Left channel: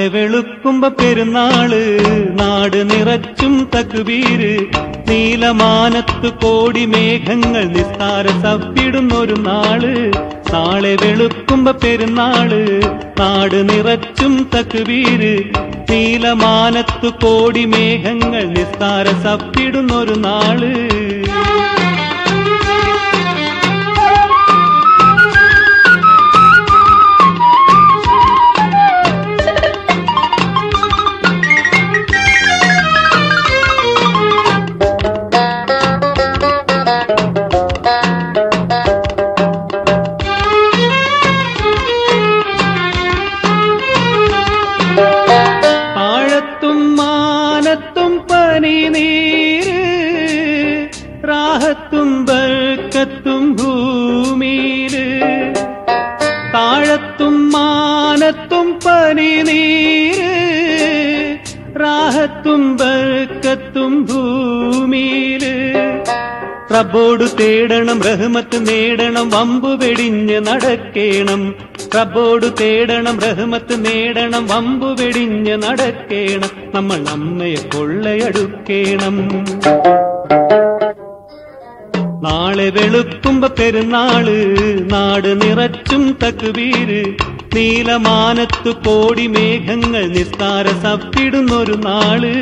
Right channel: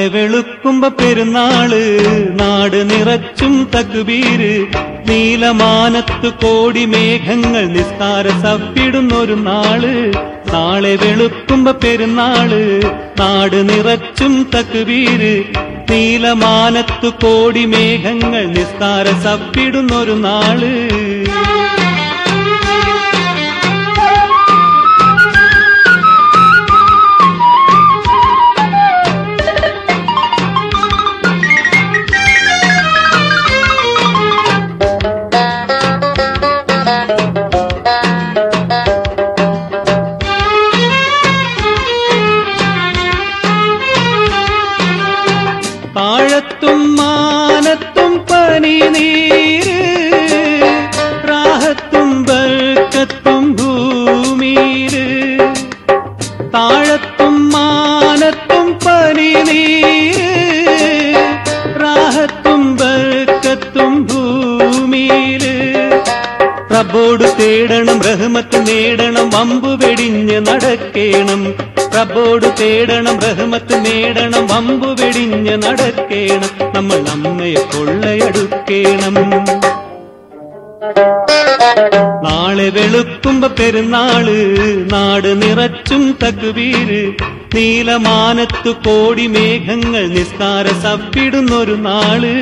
നാളെ വെളുക്കുമ്പോ പെരുന്നാള്, നാട് നിറച്ചും തക്ബീര്. നീലമാനത്തു കോടി മേഘങ്ങൾ നിസ്കാര സപ്പിടുന്നൊരു നാള്. നാളെ വെളുക്കുമ്പോ പെരുന്നാള്, നാട് നിറച്ചും തക്ബീര്. നീലമാനത്തു കോടി മേഘങ്ങൾ നിസ്കാര സപ്പിടുന്നൊരു നാള്. താഴത്തും മാനത്തും പനിനീര്, റാഹത്തും ബർക്കത്തും ഭൂമിയില്. താഴത്തും മാനത്തും പനിനീര്, റാഹത്തും ബർക്കത്തും ഭൂമിയില്. റബ്ബോട് തേടണം, റഹ്മത്ത് നേടണം, വമ്പു വെടിഞ്ഞ് നടക്കേണം. റബ്ബോട് തേടണം, റഹ്മത്ത് നേടണം, വമ്പു വെടിഞ്ഞ് നടക്കേണം. നമ്മൾ അമ്മയെ കൊള്ളയടുക്കേണം. നാളെ വെളുക്കുമ്പോ പെരുന്നാള്, നാട് നിറച്ചും തക്ബീര്. നീലമാനത്തു കോടി മേഘങ്ങൾ നിസ്കാര സപ്പിടുന്നൊരു നാള്.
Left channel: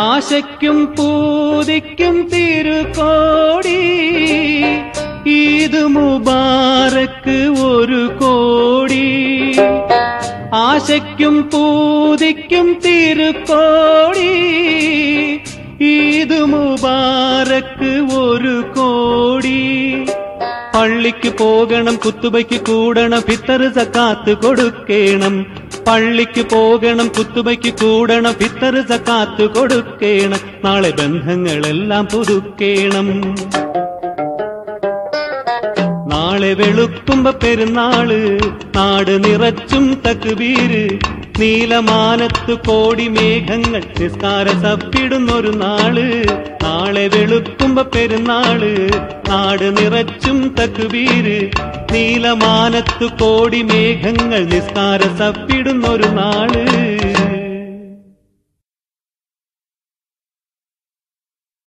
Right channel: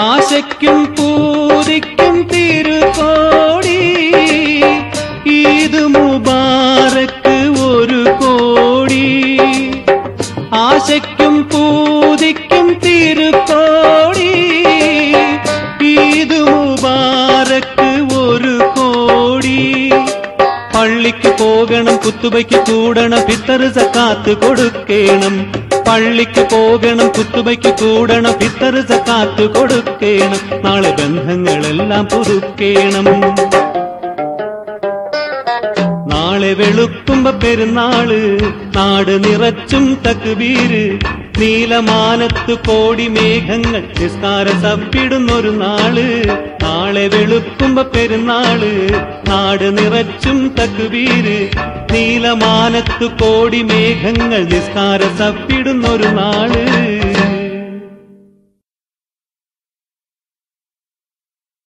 ആശയ്ക്കും പൂതിക്കും തിരുകോടി, ഈദ് മുബാറക്ക് ഒരു കോടി. ആശയ്ക്കും പൂതിക്കും തിരുകോടി, ഈദ് മുബാറക്ക് ഒരു കോടി. പള്ളിക്ക് പോകണം, കുത്തുബയ്ക്ക് കൂടണം, ഫിത്തർ സക്കാത്ത് കൊടുക്കേണം. പള്ളിക്ക് പോകണം, കുത്തുബയ്ക്ക് കൂടണം, ഫിത്തർ സക്കാത്ത് കൊടുക്കേണം. നാളെ ബന്ധങ്ങളെല്ലാം പുതുക്കേണം. നാളെ വെളുക്കുമ്പോ പെരുന്നാള്, നാട് നിറച്ചും തക്ബീര്. നീലമാനത്തു കോടി മേഘങ്ങൾ നിസ്കാര സപ്പിടുന്നൊരു നാള്. നാളെ വെളുക്കുമ്പോ പെരുന്നാള്, നാട് നിറച്ചും തക്ബീര്. നീലമാനത്തു കോടി മേഘങ്ങൾ നിസ്കാര സപ്പിടുന്നൊരു നാള്.